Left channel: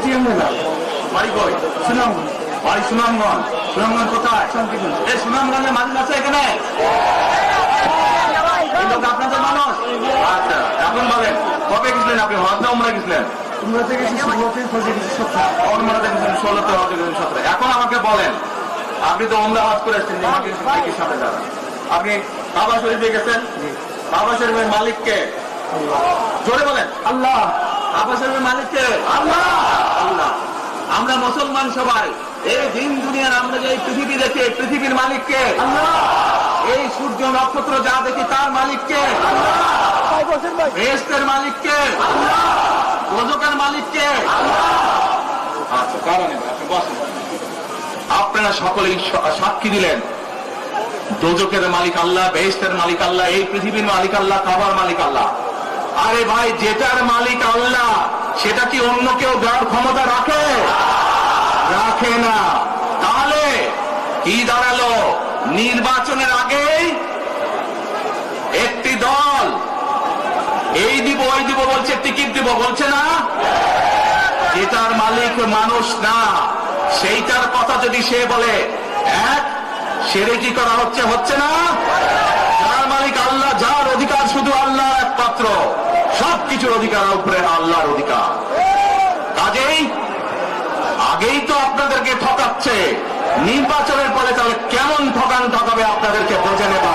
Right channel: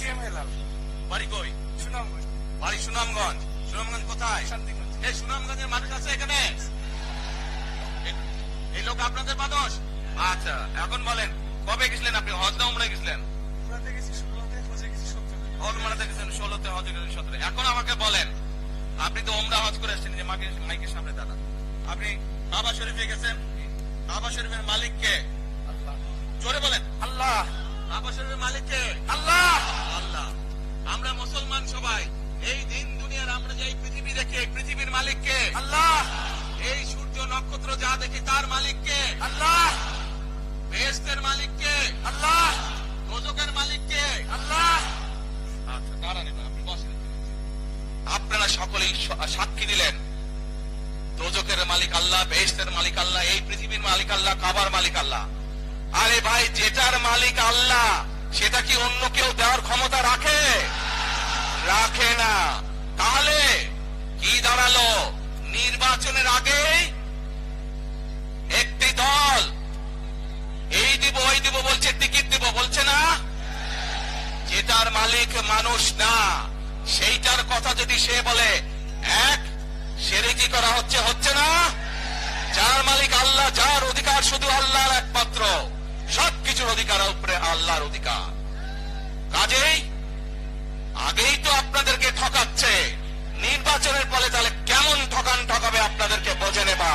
বাড়ি কই? বাড়ি সুনামগঞ্জ। সুনামগঞ্জ কোথায়? এই সুনামগঞ্জের মানুষ আছে এখানে? এই লোক আপনাদের মানুষ? আচ্ছা, এখন বলেন কবে গেছিলেন আপনি? হজ উমরায় গেছিলেন? এখন আমাকে বলেন, আপনি তো উমরা হজ করে এসেছেন, সামনে যাবেন, আপনি কাবা শরীফে গেছেন, কাবা শরীফের মালিককে জোরে বলেন আল্লাহ। কাবা শরীফের মালিককে আল্লাহ। আল্লাহ। আমরা মুসলমান সবাই এই দিন দুনিয়ার আমরা যে পৃথিবী দেখে পৃথিবীর মালিককে আল্লাহ। এই সূর্য নক্ষত্র যা দেখি তার মালিককে আল্লাহ। বেহেশতের মালিককে আল্লাহ। দোজখের মালিককে আল্লাহ। আচ্ছা, কারণ আপনারা সকলেই সাক্ষী দিলেন দোজখের মালিক আল্লাহ, বেহেশতের মালিক আল্লাহ, এই পৃথিবীর মালিক আল্লাহ, কাবার মালিক আল্লাহ। আরে ভাই, যেটার মালিক আল্লাহ সেটা কি অন্য কেউ যার ক্ষমতা রাখে? রাখে না। তাহলে কি দাঁড়ালো? নির্বাচনের আগে একটি দল এই দিব ওই দিব বলছে, টিকিট দিব বলছে না? এটার মালিক মানুষ না, সেইটার কথা যদি সে বলে সেরে কি করা হচ্ছে? হচ্ছে না? যার মালিক আল্লাহ, যার অধিকার শুধু আল্লাহ একমাত্র, সবকিছু অধিকার উপরে আল্লাহর অধিকার। আগেই তো আপনাদেরকে ঠকাচ্ছে, নির্বাচনের পরে তাহলে কেমন ঠকাবে আপনাদেরকে বোঝে নেবা।